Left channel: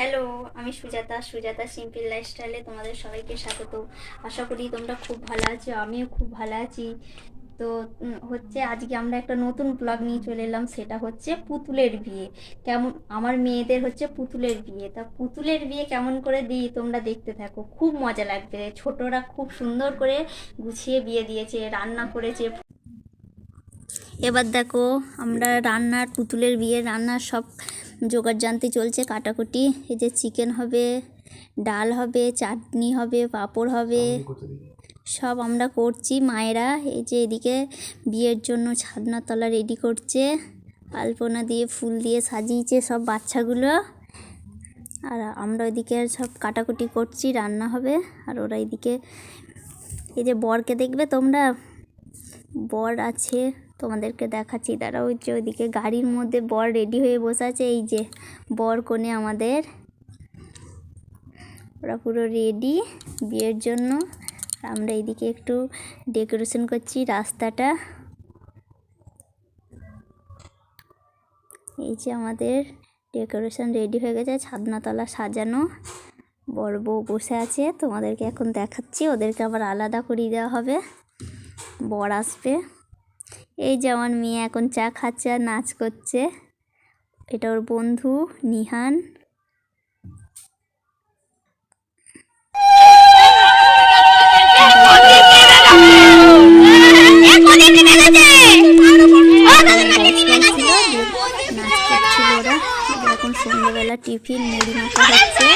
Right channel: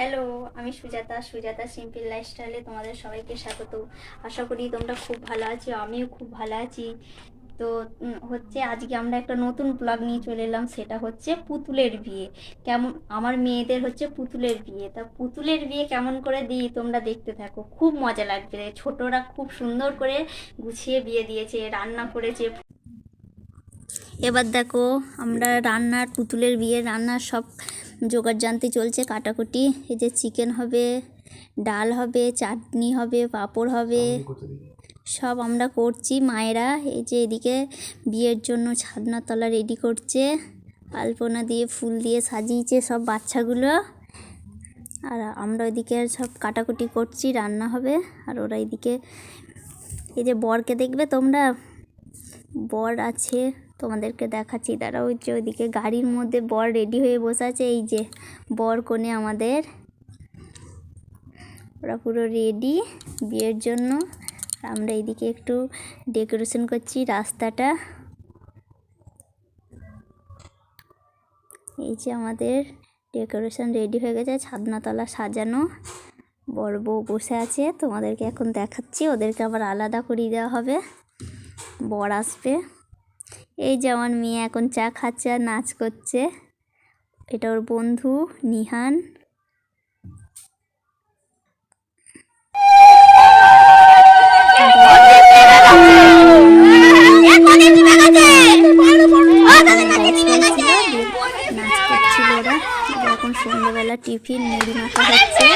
Hello আমি Sujata Sujata simple লাইফস্টাইলে তোমাদের সবাইকে স্বাগত। আশা করি তোমরা খুব ভালো আছো, আমিও খুব ভালো আছি। তো হচ্ছে আজকে আমরা একটা নতুন ব্লগ নিয়ে চলে এলাম, সেটা হচ্ছে পুতুলের বিয়ে। কেমন, আমার মেয়েদের হচ্ছে পুতুলের বিয়ে। তা পুতুলের বিয়ে কেমন করে দিই তোমরা দেখতে থাকো, খুব মজা লাগবে। ছোটরা খুব সুন্দর করে গুছিয়ে বিয়ে দিয়েছে, রান্না করেছে। এবার দেখো আমরা রান্নার পুতুলের বিয়ে রান্নার সব জোগাড় জানতে চলছে কাটাকুটি। এই যে চিকেন হবে ডাল হবে চাটনি হবে পাঁপড় হবে। সব আমরা করছি মায়েরা এই যে এদিকে বিয়ের জন্য ছাদনা তলা রেডি করছে। আলপনা দিয়ে ফুল দিয়ে সাজিয়েছে সব বাচ্চাগুলো। আর আমরা ওইদিকে সব কাটাকুটি করছি রান্না হবে। আর ওরা এদিকে এই যে বরকে দেখবে তোমরা? বর আছে। তোমাদেরকে দেখাচ্ছি। তারা ওই যে ওইদিকে গাড়ির মধ্যে বর রেডি হয়ে বসে আছে। এই যে বর কোণে আমাদের। ওরা পুরো রেডি বিয়ের জন্য। আমরা এইদিকে একটু ডেকোরেশন করছি রাস্তাটা। এই যে আমাদের ডেকোরেশন রেডি হয়ে গেছে, ছাদনাতলা সাজানো। বড় বউ বসে আছে, তোমাদেরকে এখন দেখাচ্ছি। ওদেরকে আবার আলাদা করিয়ে দেওয়া হবে। বর আসবে। এই যে আমার মেয়ে এখন চা খাচ্ছে আর নাচ করছে। এটা ওর বন্ধু, নিহান। নাচ করছিল ওরা। এখন সন্ধ্যাবেলা টিফিন, মুড়ি মাখা হচ্ছে।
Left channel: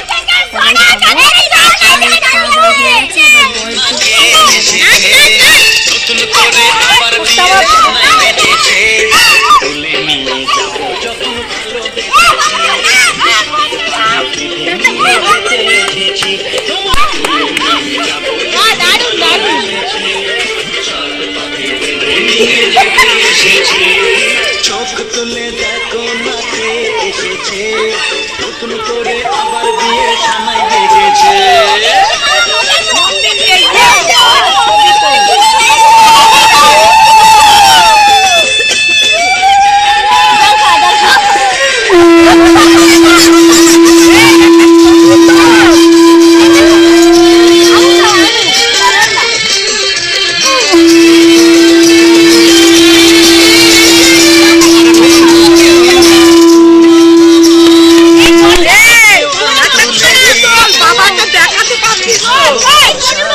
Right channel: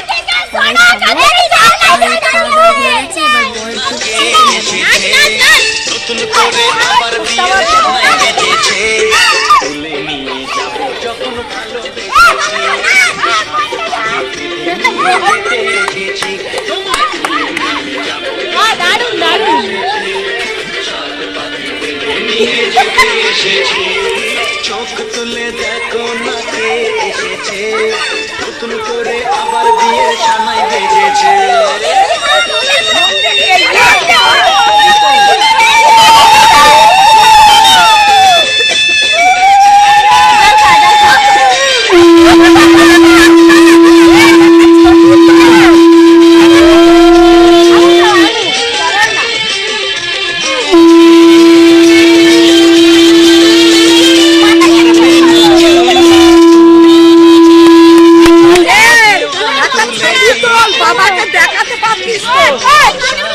নতুন করে আবার বিয়ে সময় বেঁধেছে তুলে নিয়ে 快快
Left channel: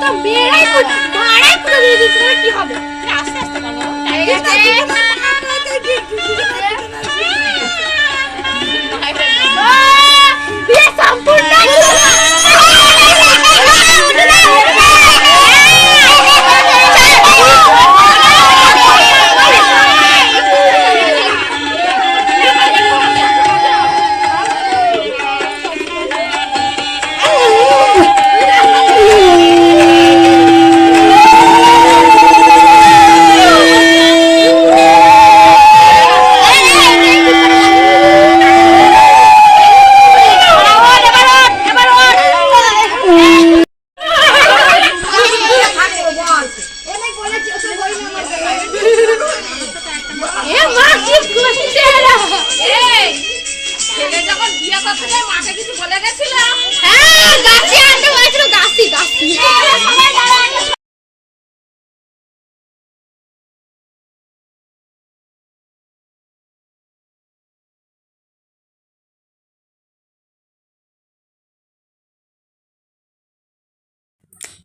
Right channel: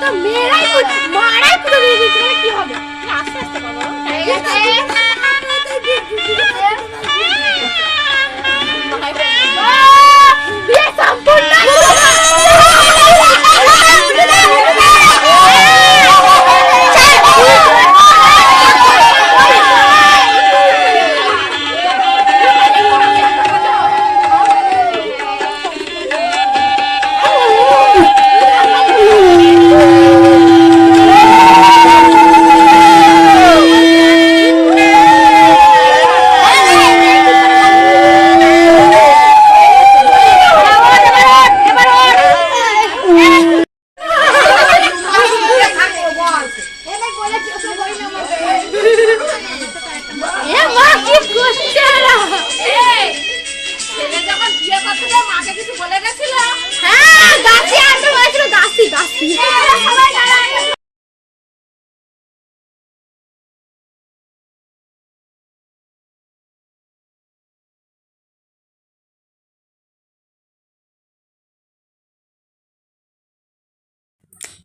তো মেয়েরাই মারাই পুরো কি হবে আস্তে আস্তে বলো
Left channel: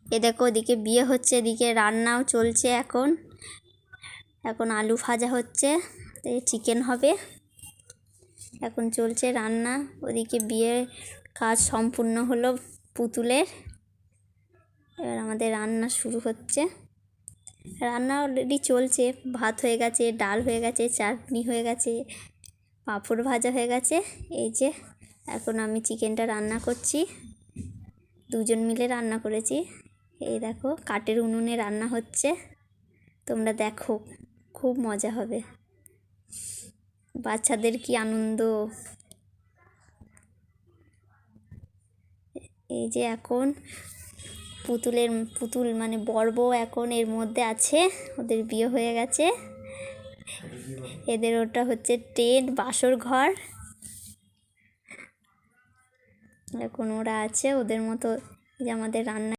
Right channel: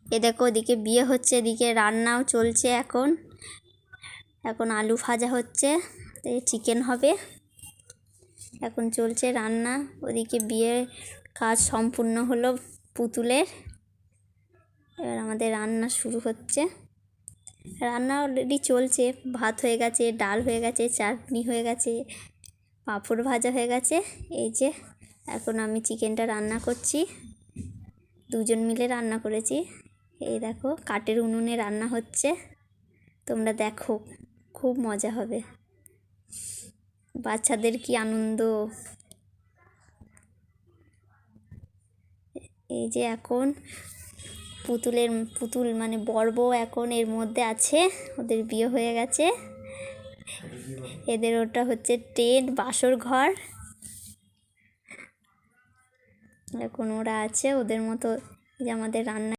এ দেখো ওদিকে বিয়ে হচ্ছে, এদিকে রান্নাও চলছে এখন। এখন আলু ভাজা হচ্ছে চিকেন হবে। এখন চলছে রান্না, ওদিকে বিয়ের কাজ সম্পূর্ণ হলো পুতুলের। এবার আমাদের রান্না শুরু হচ্ছে। রান্না অলরেডি চলছে, ভাত হয়ে গেছে, ডাল হয়ে গেছে, চাটনি হয়ে গেছে, পাঁপড় ভাজা হয়ে গেছে। এই যে, এখন আমি চিকেনটা রান্না করছি। দুজন মিলে রান্না করেছি। এই দেখো, কাঠের উনুনে রান্না হচ্ছে। তোমরা দেখো, খুব মজা হবে। বাচ্চাদের কি আনন্দ। এই যে এখন পুতুলের, পুতুল মানে বর বউ এখন এর মধ্যে আছে। ওদের বিয়ে হয়ে গেছে। এদের ওটা হচ্ছে টেন্ট, বাসর ঘর। এখন ওরা আছে, ওদের মতো যে আমাদের রান্না